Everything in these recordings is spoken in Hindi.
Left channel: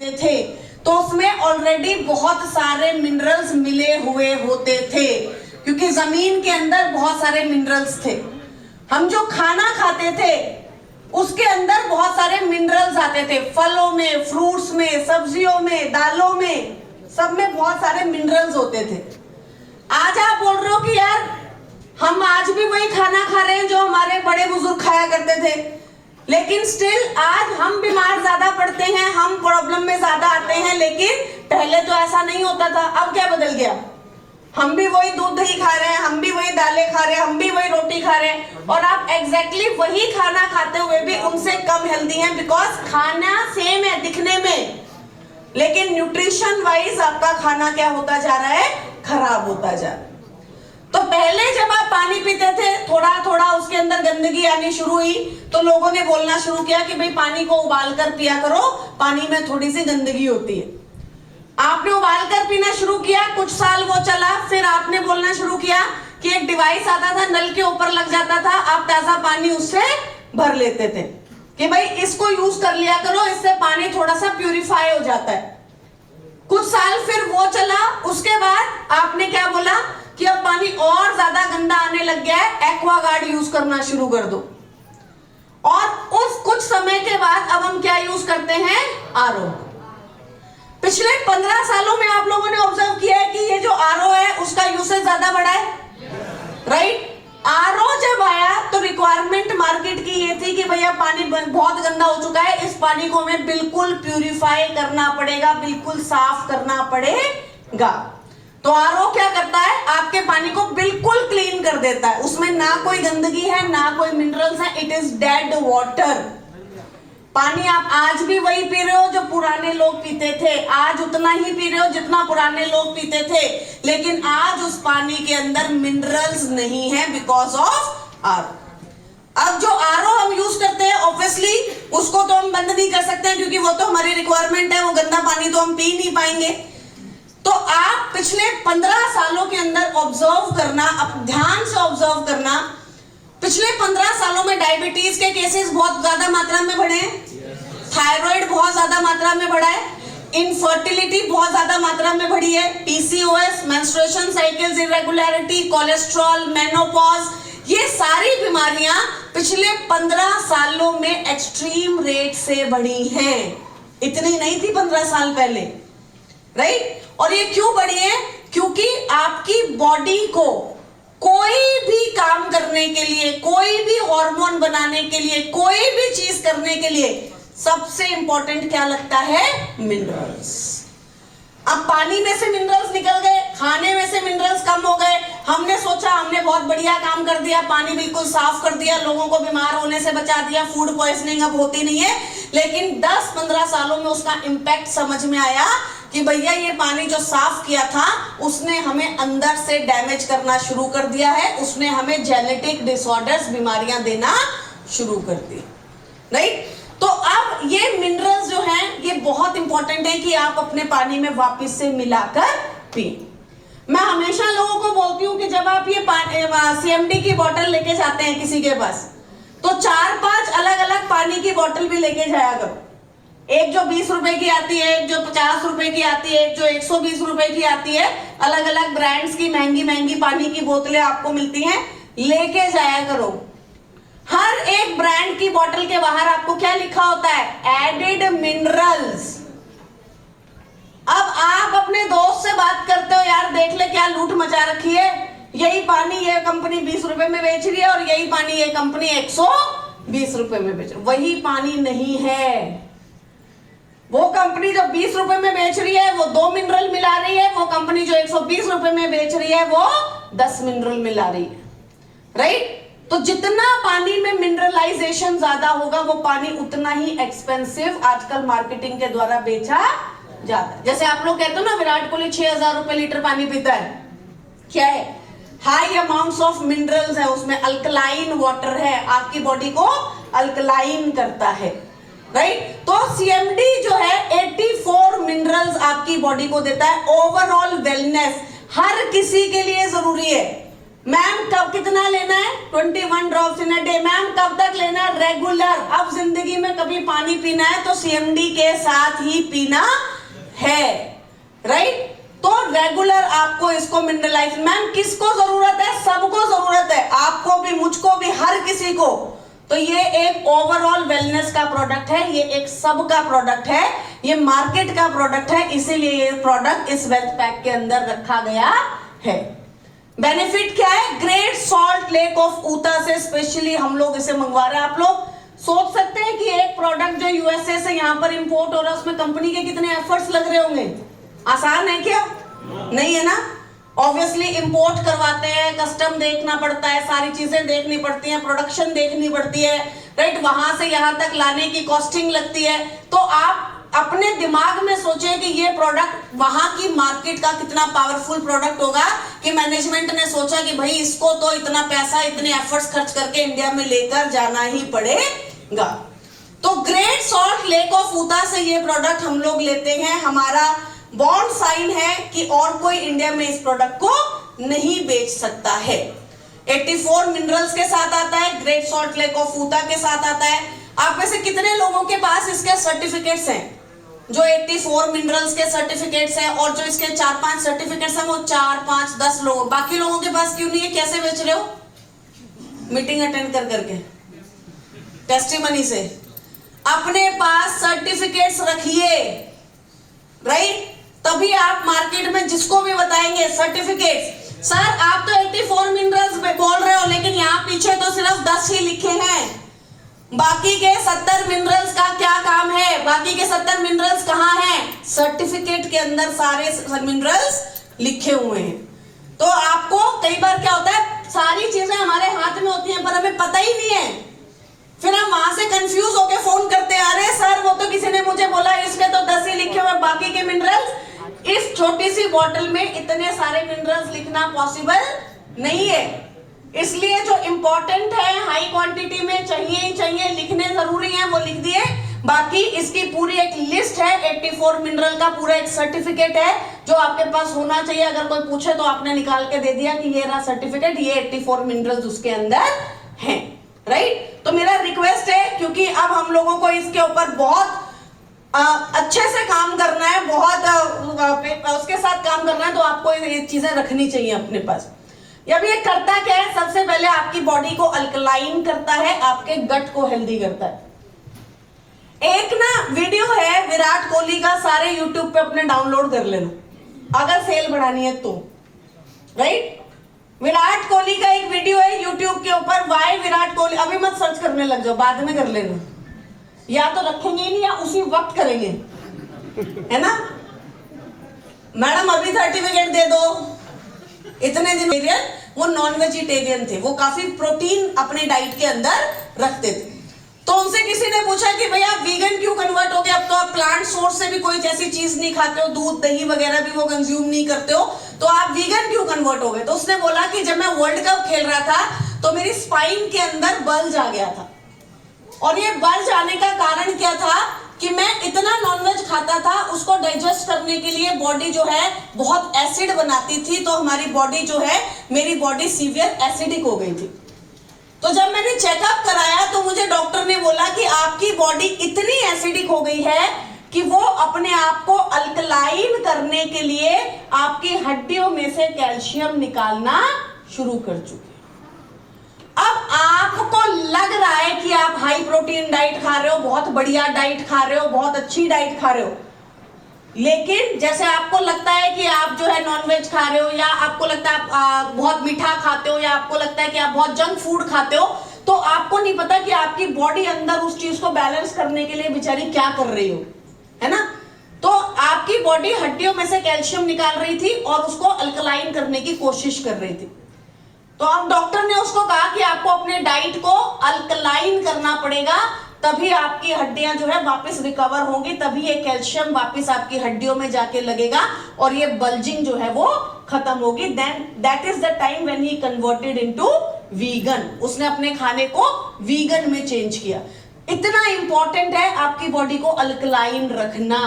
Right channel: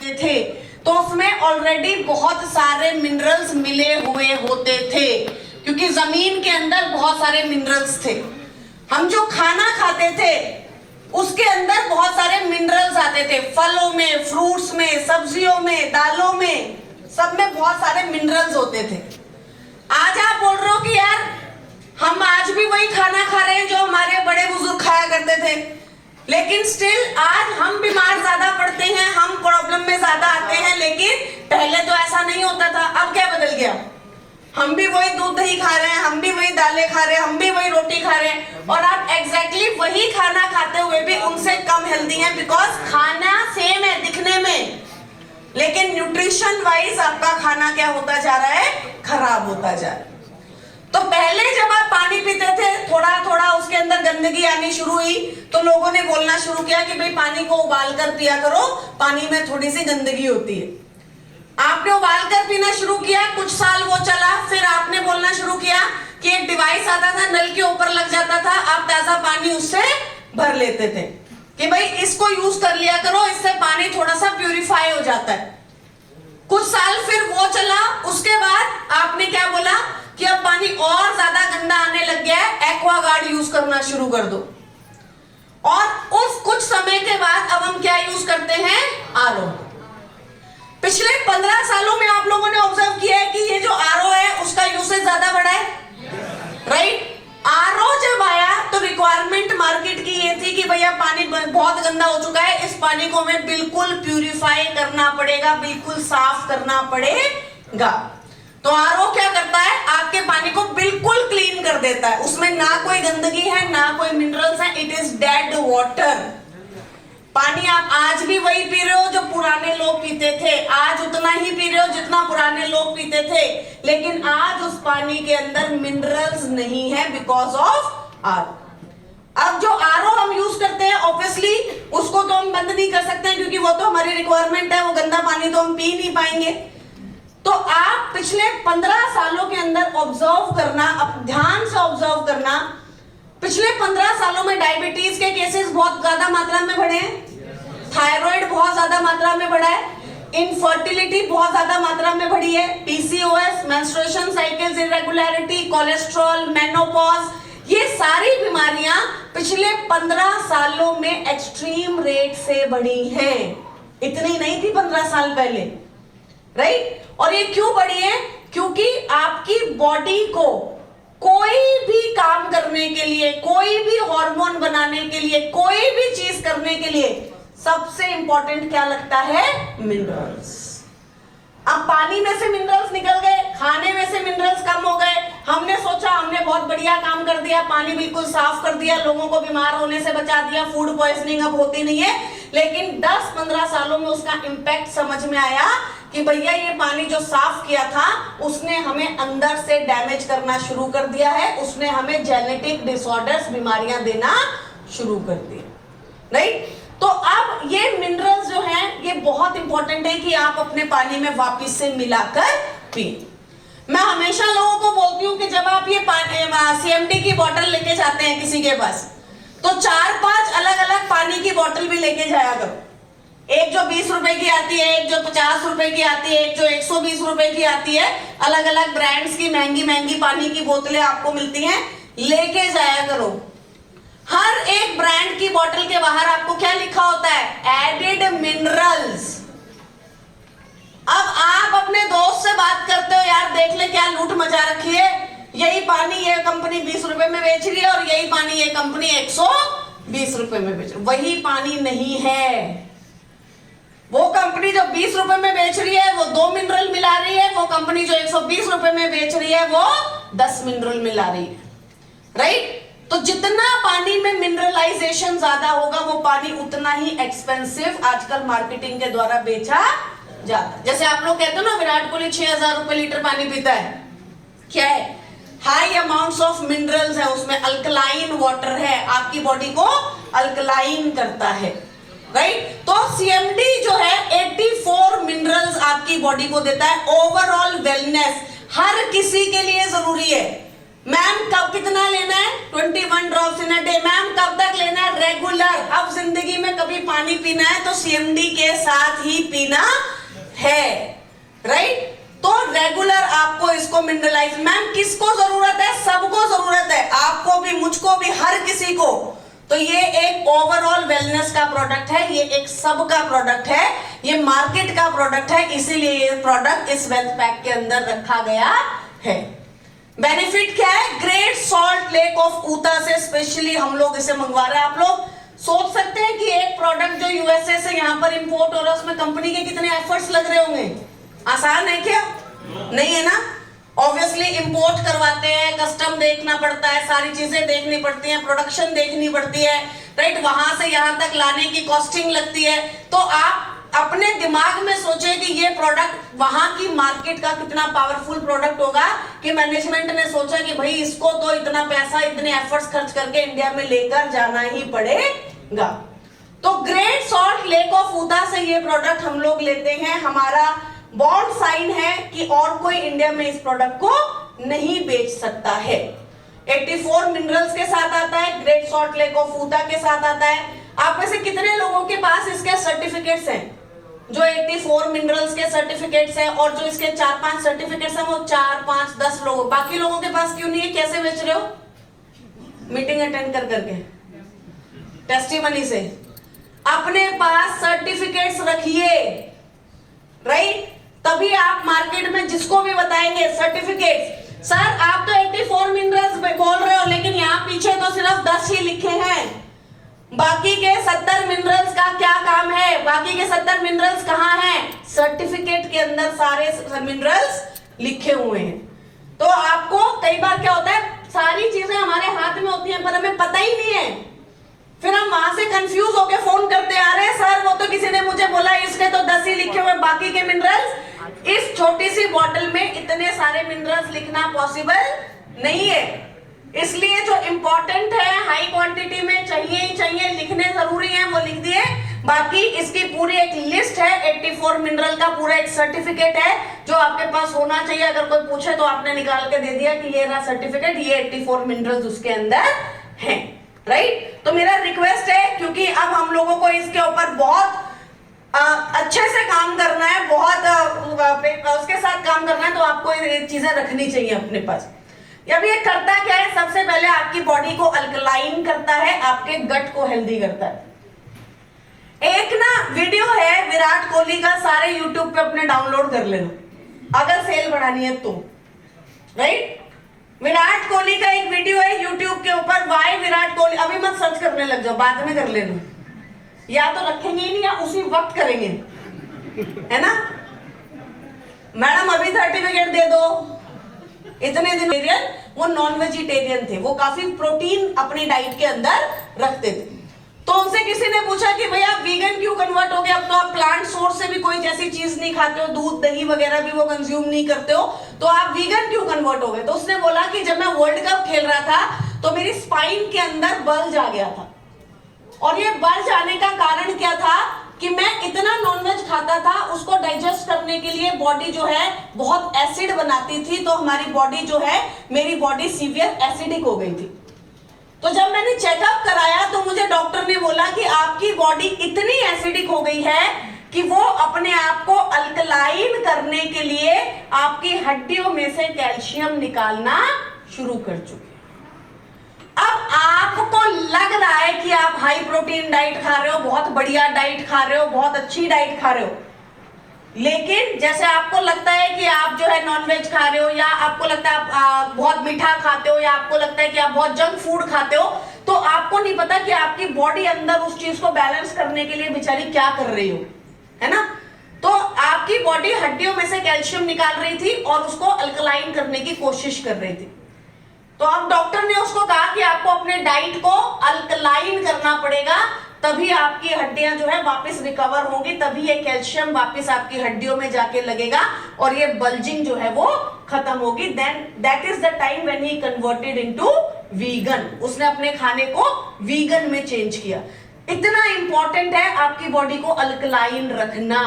थे तो उसमें ऑलरेडी बहुत सारे मिनरल्स मिले हुए होते थे, क्योंकि जमीन के अंदर बहुत सारे मिनरल्स थे। हम जो खाना खाते थे उसके अंदर बहुत सारे मिनरल्स आते थे, फलों में, फ्रूट्स में, सब्जियों में, दालों में, सब में बहुत सारे मिनरल्स होते थे। आज आप बोल रहे हो कि यार हम आज भी वही खाना खा रहे हैं जो हमारे बड़े बुजुर्ग खाया करते थे, लेकिन स्टिल आज हम बीमार ज्यादा पड़ते हैं, हम प्रॉब्लम में ज्यादा आते हैं। लेकिन पहले तो ऐसा नहीं होता था। अब क्या बदल गया? हम भी वही दूध दही खा रहे हैं, हम भी वही दालें खा रहे हैं, हम भी वही रोटी खा रहे हैं, और आप एग्जैक्टली वही खाना खाते हुए भी उनसे कम हेल्दी हैं, बिकॉज खाना सेम है दिखने में, लेकिन न्यूट्रिशन वाइज आपका खाना क्या होता जा रहा है? खराब होता जा रहा है। तो पहले जब आप पानी पीते थे, थोड़ा थोड़ा उसके अंदर गंदगी आनी शुरू हुई तो लोगों ने बोलना शुरू किया कि भाई पानी को उबाल कर पिया करो, पानी में थोड़ी सी गंदगी होती है। आपने उबाल कर पीना शुरू किया, कुछ साल वो चला, फिर आपने बोलना शुरू किया कि एक डिवाइस आता था, नल के ऊपर लग जाता था, आप ताजा पानी उससे भर लेते थे कि भाई इसको यूज कर लिया करो, इससे पानी थोड़ा सा प्यूरिफाई हो जाता है। कुछ साल फिर वो चला, उसके बाद आपने क्या बोला कि अब पानी और ज्यादा गंदा आने लग गया है, एक्वागार्ड यूज करना शुरू कर दो। और उस कुछ समय के बाद अब हम क्या यूज करते हैं? आरओ। पिछले 15 सालों में आप लोगों ने ऑब्जर्व किया है कि ये जो आरओ है उसका यूसेज ज्यादा बढ़ा है, राइट? आरओ जब आया तो रिक्वायरमेंट मार्केट की ये थी कि भैया पानी बहुत गंदा हो चुका है, इस पानी को हमें बिल्कुल प्यूरिफाई करना पड़ेगा, बिल्कुल साफ करना पड़ेगा। तो आरओ क्या करता है? आपके पानी को बिल्कुल क्लीन कर देता है, उसमें ना कोई गंदगी है, ना कोई मिनरल्स है, इट इज डेड वाटर। पानी आप आज भी वही पी रहे हो जो पुराने लोग पीते थे, आज उतना ही पी रहे हो जितना पुराने लोग पीते थे, लेकिन आज उस पानी के अंदर मिनरल्स नहीं है बिकॉज ऑफ आरओ। अब जो आरओ हम यूज करते हैं, ऑब्वियसली उसको तो हम बंद नहीं कर सकते हैं, क्योंकि वो तो हमारी रिक्वायरमेंट है, वो गंदा पानी तो हम पी नहीं पाएंगे। तो आप पिछले 15 सालों के अंदर ऑब्जर्व करना, अब ध्यान से ऑब्जर्व करना, पिछले 15 सालों में डायबिटीज के केसेस बहुत ज्यादा मात्रा में बढ़े हैं, थायराइड बहुत ज्यादा मात्रा में बढ़ा है, इनफर्टिलिटी बहुत ज्यादा मात्रा में बढ़ी है, PCOS, menstruation cycles irregularity, cholesterol, menopause, ये सारी बीमारियां पिछले 15 सालों में एक्सट्रीम रेट से बढ़ी हैं। इतनी नहीं थी 15 साल पहले, राइट? और ये क्यों बढ़ी है? क्योंकि आपकी बॉडी को कोई भी काम करने के लिए, कोई भी हार्मोन बनाने के लिए, कोई भी चीज करने के लिए सबसे इंपॉर्टेंट क्या लगता है? मिनरल्स। अब पानी में से मिनरल्स निकल गए, खाने में से मिनरल्स कम हो गए, हमने सोचा हमने बहुत बढ़िया काम कर दिया, पानी बिल्कुल साफ कर दिया, लोगों को बीमार होने से बचा दिया, फूड पॉइजनिंग अब होती नहीं है। लेकिन 10-15 सालों में उसका इंपैक्ट समझ में आया कि भैया ये पानी जो साफ किया था उसने हमें अंदर से डैमेज करना शुरू कर दिया है, उसने हमें जेनेटिक डिसऑर्डर्स, बीमारियां देना शुरू कर दी, राइट? तो अब ये मिनरल्स जो हैं ये बहुत इंपॉर्टेंट है कि आप अपने पानी में वापस से मिलाकर पिए। मैं हमेशा लोगों को बोलती हूँ कि जब आप ये सीएमडी की बोतल लेके जाते हैं किसी के पास, तो 4-5 अलग अलग पानी की बोतल भी लेके जाया करो। एक जो 20 रुपए की आती है, एक जो 50 रुपए की आती है, एक जो 120 रुपए की आती है, अलग अलग ब्रांड्स की महंगी महंगी पानी की बोतलें आपको मिलती हैं, लेके जाया करो। हर एक ब्रांड की बोतल के बाहर आपको क्या लिखा होता है? Added minerals. अब आप अपने दोस्त से बात करते हो, यार देख ले क्या लूट मचा रखी है, यही पानी ये कंपनी 20 रुपए में बेच रही है और यही पानी ये कंपनी 120 रुपए में बेच रही है। वही पानी नहीं है। वो कंपनी जो 20 रुपए में बेच रही है वो 2 मिनरल मिला रही है, वो कंपनी जो 120 रुपए में बेच रही है वो 10 मिनरल मिला रही है, राइट? तो जितना पानी में मिनरलाइजेशन ज्यादा होगा वो पानी उतना ही एक्सपेंसिव आजकल मार्केटिंग के द्वारा बेचा जाता है। जैसे आप लोग कहते हो ना, विराट कोहली 6000 रुपए लीटर पानी पीता है, क्या है? हाई अमाउंट्स ऑफ मिनरल्स है उसमें, अल्कलाइन वाटर है, आपकी बॉडी को अल्कलाइन करता है, राइट? तो सीएमडी जो है 84 मिनरल्स आपकी बॉडी को देता है। ओवरऑल वेलनेस हर किसी के लिए जरूरी है। मैम कब कितना लेना है? 21 drops in a day. Ma'am कब तक लेना है? रेगुलर। अब जिंदगी में कभी पानी पीना है तो सीएमडी के साथ ही पीना है, राइट। तो रेगुलर आपको इसको मिनरलाइज, मैम किसको जरूरत है? सबको जरूरत है, आपको भी, मुझको भी, हर किसी को। तो ये एक ओवरऑल वेलनेस का प्रोडक्ट है, ये एक सबका प्रोडक्ट है, ये मार्केट का प्रोडक्ट है, इसीलिए ये प्रोडक्ट इस वेल्थ पैक के अंदर रखा गया है। बेनिफिट क्या है? ग्रेट सॉल्ट लेक ऑफ ऊता से स्पेशली हम लोग इसे मंगवा रहे हैं। आप लोग सोच सकते हैं कि एक प्रोडक्ट जो यूएसए से यहाँ पर इंपोर्ट हो रहा है उसमें कंपनी के कितने एफर्ट्स लग रहे होंगे? आसान है क्या? नहीं है ना। ऑब्वियसली इंपोर्ट करवाते हैं, कस्टम देखना पड़ता है, सारी चीजें देखनी पड़ती हैं, प्रोडक्शन देखनी पड़ती है, राइट। वहां से यहां तक लाने की कॉस्टिंग लगती है। तो आप अपने दिमाग में सोचे कि ये प्रोडक्ट वहां की मार्केट का कितना पावरफुल प्रोडक्ट होगा कि मैनेजमेंट ने सोचा कि भाई इसको तो इतना पैसा, इतने एफर्ट्स खर्च करके इंडिया में लेकर जाना ही पड़ेगा। तो ग्रेट सॉल्ट लेक ऑफ ऊता से ये प्रोडक्ट हम लोग लेते हैं। हमारा बॉन्ड साइन है कि और कोई इंडिया में इस प्रोडक्ट को नहीं बेच सकता है। 84 मिनरल्स के साथ आता है, ग्रेट सॉल्ट लेक ऑफ ऊता के साथ आता है। आप में से कितने लोगों के पास इसके सर्टिफिकेट्स हैं? जो 84 मिनरल्स के सर्टिफिकेट्स हैं और जो इसके 4-5 सर्टिफिकेट्स हैं, वो 4, 5, 10 लोगों, बाकी लोगों के पास क्यों नहीं है? कैसे बेच रहे हो? मीटिंग अटेंड कर करके, टेस्टिमनी से। अपने पास सर्टिफिकेट्स रखिए, राइट। तभी आप मार्केट में जिसको भी बताएंगे सर्टिफिकेट्स, सर आप तो 84 मिनरल्स बोल रहे हो लेकिन यहाँ पीछे तो सिर्फ 10 ही लिखे हैं, बाकी के 70 मिनरल्स का क्या काम है? बाकी के 70 मिनरल्स कहाँ हैं? सर्टिफिकेट के अंदर सारे मिनरल्स लिखे हुए हैं। तो आपको कई बार क्या होता है, सारी चीजें हमारे हाथ में होती हैं पर हमें पता ही नहीं है, फिर हम वहां से कंफ्यूज होकर फोन करते आ रहे हैं, सर वो तो किसी ने मुझे बोला इसमें तो 10 ही लिखे हुए, बाकी के मिनरल्स। इस छोटी सी बॉटल में इतने सारे मिनरल्स लिखना पॉसिबल नहीं है, इसलिए जो इंपॉर्टेंट है हाई क्वांटिटी में चाहिए ही चाहिए, लिखने जरूरी है, वो लिख दिए। बाकी इसकी पूरी एक लिस्ट है, 84 मिनरल का पूरा एक सर्टिफिकेट है जो आपके पास होना चाहिए। अगर कोई पूछे तो आपने निकाल के दे दिया कि ये रहा सर्टिफिकेट, ये 84 मिनरल्स उसके अंदर हैं, राइट। तो मेरा रिक्वेस्ट है, क्योंकि अब हम लोगों को इसके ऊपर बहुत अच्छे से काम करना है, बहुत उसके साथ काम करना है, तो आपको ये चीजें रखनी चाहिए अपने पास। अब ये करता क्या है? सबसे पहले आपकी बॉडी को अल्कलाइन करता है, आपके गट को हेल्दी करता है। एक ना वीडियो है विराट कोहली का, सारे यूट्यूब पे अपने डाउनलोड कर लेना अगर सेल बढ़ानी है तो, राइट। विराट कोहली का एक वीडियो है यूट्यूब के ऊपर, वाई विराट कोहली। अभी मत सर्च करने लग जाओ, बाद में कर लेना, या तो रखेंगे ही नहीं या उसी वक्त करेंगे, है ना। मैडम अभी सर्टिफिकेट दे दो। इतने दिन वो नॉन वेजिटेरियन थे, वो काफी प्रोटीन अपनी डाइट के अंदर रखते थे। तो उनसे किसी ने पूछा कि भैया आप वीगन क्यों कन्वर्ट हो गए? अब तो आप प्लांट सोर्स से भी कोई जैसी चीज नहीं खाते हो, दूध दही वगैरह भी वो कंज्यूम नहीं करते हो, तो आप वीगन क्यों कन्वर्ट हो गए? तो उसने बोला कि जब मैं वर्ल्ड कप खेल रहा था तो मेरी स्पाइन के अंदर बल्ज आ गया था, और ये बल्ज आने का कारण क्या था कि मैं इतना नॉनवेज खाता था, उसको डाइजेस्ट करने के लिए बॉडी जो है बहुत एसिड बनाती थी, तो हमारी बॉडी जो है, मेरी बॉडी सीवियर एसिडिक हो गई थी। तो जब मैंने चेकअप कराया तो मुझे डॉक्टर ने बोला कि आपकी बॉडी इतनी एसिडिक हो गई है कि वो अपने आप को अल्कलाइन करने के लिए आपकी हड्डियों में से कैल्शियम निकालना शुरू कर चुकी है। अब आपको लग रहा है कि आप हाई प्रोटीन डाइट खा रहे हो, बहुत बढ़िया डाइट खा रहे हो, बहुत अच्छी डाइट खा रहे हो, लेकिन जैसे आपको लगता है कि आप जो है नॉनवेज खा रहे हो, या आपको लगता है आप बहुत मीठा खाते हो, या आपको लगता है कि आप बहुत जंक फूड खाते हो, तो आपको नहीं पता कि आपकी बॉडी अंदर उस चीज को बैलेंस करने के लिए बेचारी क्या कर रही हो, है ना। तो आपकी बॉडी हड्डियों में से कैल्शियम निकाल रही थी और उसको अल्कलाइन करने की कोशिश कर रही थी। तो अब डॉक्टर ने उसको कहा कि आपको अपने डाइट को अल्कलाइन करना पड़ेगा, तभी आपकी हड्डियां जो है वापस रिकवर होंगी, तभी ये कैल्शियम वापस आपकी हड्डियों में जाके लगेगा और ये बल्जिंग जो है वो खत्म होगी। Then that is the time when he converted into vegan. उसने अपने खाने को वीगन में चेंज किया। इतना इंपॉर्टेंट है आपकी बॉडी को अल्कलाइन रखना।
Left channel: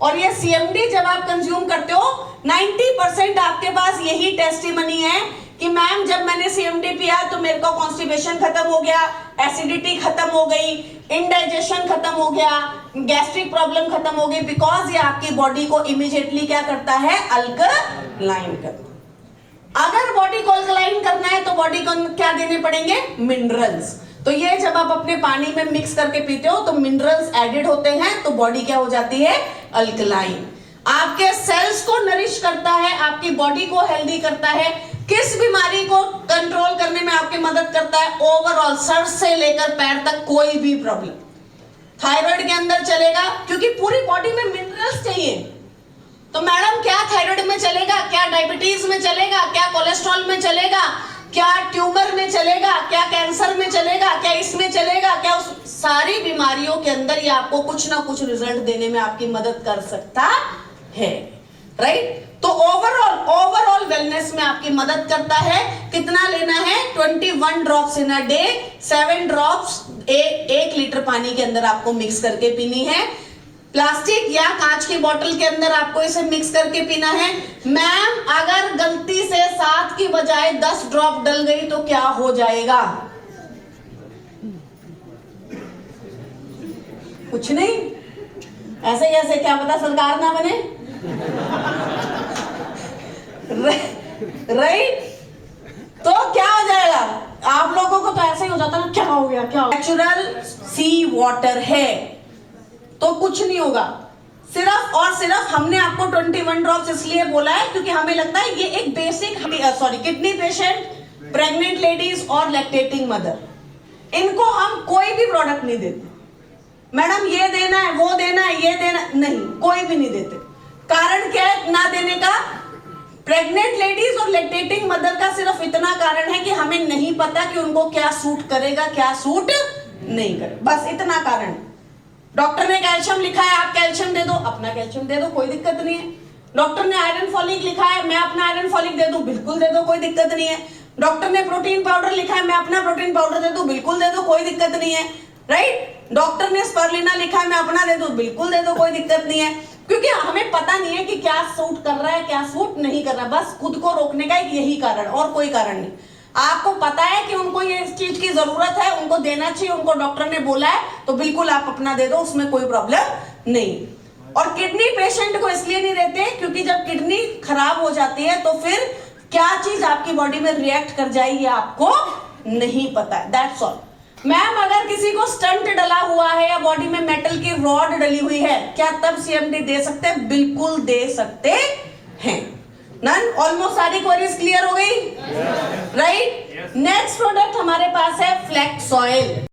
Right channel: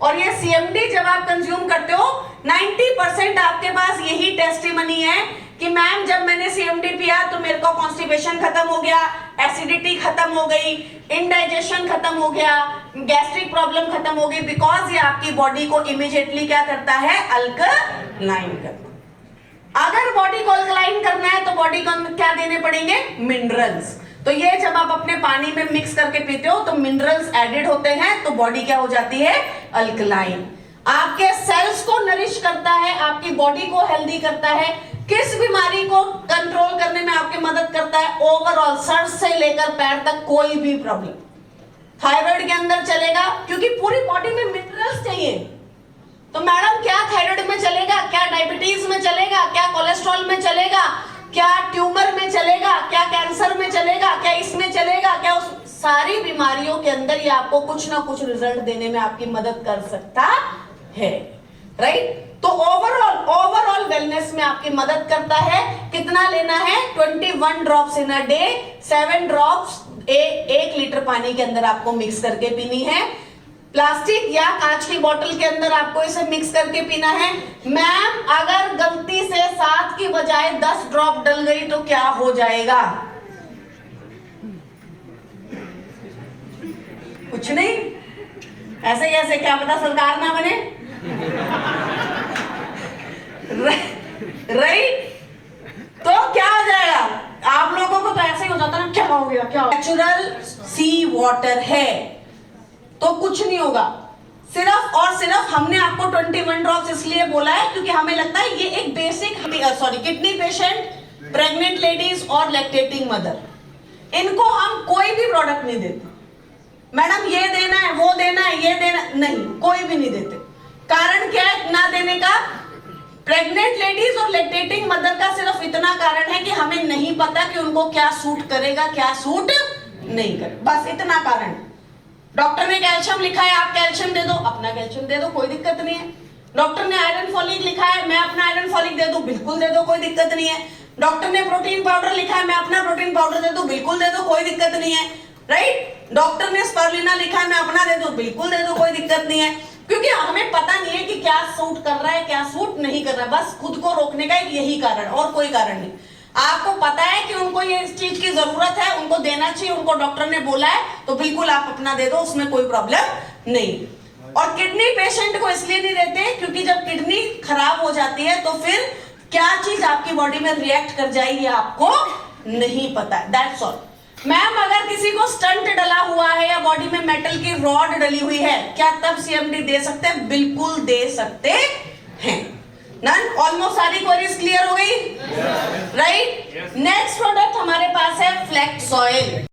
और ये सीएमडी जब आप कंज्यूम करते हो, 90% आपके पास यही टेस्टिमनी है कि मैम जब मैंने सीएमडी पिया तो मेरे को कॉन्स्टिपेशन खत्म हो गया, एसिडिटी खत्म हो गई, इंडाइजेशन कॉन्स्टिपेशन खत्म हो गया, गैस्ट्रिक प्रॉब्लम खत्म हो गई, बिकॉज ये आपकी बॉडी को इमीडिएटली क्या करता है, अल्कलाइन करता है। अगर बॉडी को अल्कलाइन करना है तो बॉडी को क्या देने पड़ेंगे, मिनरल्स। तो ये जब आप अपने पानी में मिक्स करके पीते हो तो मिनरल्स एडेड होते हैं, तो बॉडी क्या हो जाती है, अल्कलाइन। आपके सेल्स को नरिश करता है, आपकी बॉडी को हेल्दी करता है, किस बीमारी को कंट्रोल करने में आपकी मदद करता है, ओवरऑल सर से लेकर पैर तक कोई भी प्रॉब्लम थायराइड के अंदर चलेगा, क्योंकि पूरी बॉडी में मिनरल्स चाहिए। तो मैडम क्या थायराइड में चलेगा, क्या डायबिटीज में चलेगा, क्या कोलेस्ट्रॉल में चलेगा, क्या ट्यूमर में चलेगा, क्या कैंसर में चलेगा, क्या इसमें चलेगा, क्या उस सारी बीमारियों के अंदर ये आपको कुछ ना कुछ रिजल्ट देने में आपकी मदद कर सकता है, राइट। तो ओवरऑल वेलनेस में आपकी मदद करता है। कितना लेना है, 21 drops in a day, 7 drops 1 litre पानी के अंदर आपको मिक्स करके पीनी है। प्लास्टिक या कांच की बोतल के अंदर आपको इसे मिक्स करके पीना है। मैम अगर गलती से 7 की बजाय 10 ड्रॉप डल गई तो क्या हो जाएगा, कुछ नहीं, ऐसे ही ऐसे, क्या पता सरकार ना बने, राइट। तो क्या हो जाएगा, आप लोगों को तो ऐसे ही हो जाता ना, क्या हो गया, क्या नेचुरल सी वाटर है तो कुछ नहीं होगा। सिर्फ और सिर्फ हमने आपको 21 ड्रॉप्स इसलिए बोला है क्योंकि हमें लगता है ये एक basic, kidney patient, pregnant ladies और लैक्टेटिंग मदर, इनको हम कोई भी प्रोडक्ट नहीं देते। मैडम ये देना है, वो देना है, ये देना, नहीं, कोई भी नहीं देते। कारण क्या है ना देने का, प्रेग्नेंट लेडीज और लैक्टेटिंग मदर का सिर्फ इतना कारण है कि हमें नहीं पता कि उनको क्या सूट करेगा, क्या सूट नहीं करेगा, बस इतना कारण। डॉक्टर ने कैल्शियम लिखा है, आप कैल्शियम दे दो, अपना कैल्शियम दे दो, कोई दिक्कत नहीं है। डॉक्टर ने आयरन फॉलिक लिखा है, मैं अपना आयरन फॉलिक दे दूं, बिल्कुल दे दो, कोई दिक्कत नहीं है। डॉक्टर ने प्रोटीन पाउडर लिखा है, मैं अपना प्रोटीन पाउडर दे दूं, बिल्कुल दे दो, कोई दिक्कत नहीं है, राइट। डॉक्टर ने स्पारुलिना लिखा है, मैं अपना दे दूं, बिल्कुल दे दो, कोई दिक्कत नहीं है, क्योंकि हमें पता नहीं है कि क्या सूट कर रहा है, क्या सूट नहीं कर रहा है। बस खुद को रोकने का यही कारण, और कोई कारण नहीं। आपको पता है कि उनको ये इस चीज की जरूरत है, उनको देना चाहिए, उनको डॉक्टर ने बोला है, तो बिल्कुल आप अपना दे दो, उसमें कोई प्रॉब्लम नहीं। और किडनी पेशेंट को इसलिए नहीं देते क्योंकि जब किडनी खराब हो जाती है तो फिर क्या चीज आपकी बॉडी में रिएक्ट कर जाएगी आपको नहीं पता है, दैट्स ऑल। मैम अगर किसी को स्टंट डला हुआ है या बॉडी में मेटल की रॉड डली हुई है, क्या तब सीएमडी दे सकते हैं? बिल्कुल दे सकते हैं। नन ऑलमोस्ट सारी क्वेरीज क्लियर हो गई, राइट। नेक्स्ट प्रोडक्ट हमारे पास है फ्लैक्स ऑयल।